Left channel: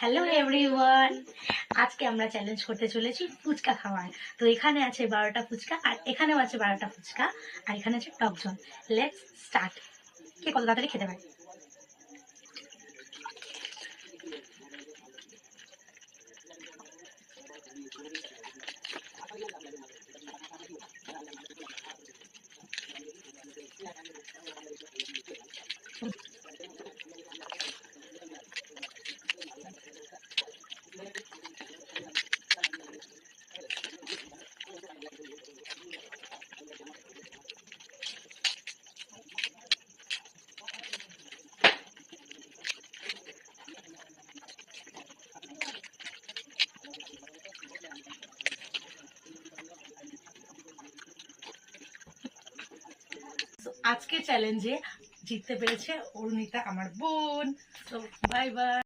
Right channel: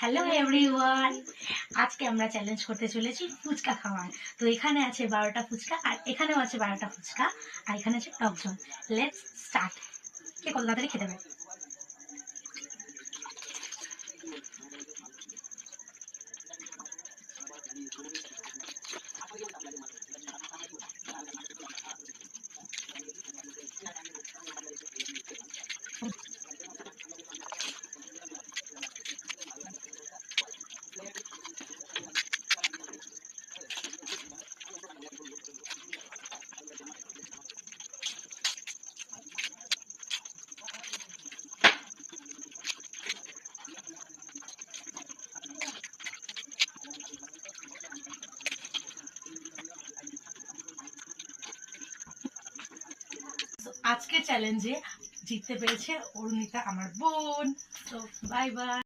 Hello everyone, আজকে আমরা চ্যালেঞ্জ করতে চলেছি ফুচকা খাওয়ার। তো এখানে আছে 12টা ফুচকা, আর এখানেও আছে 12টা ফুচকা, আর এখানে আছে টক জল। Let's start. কে কত তাড়াতাড়ি খেতে পারে? আজকে চ্যালেঞ্জে জিততে পেরেছে অরুণিতা, আমার বোন। তো বাই বাই।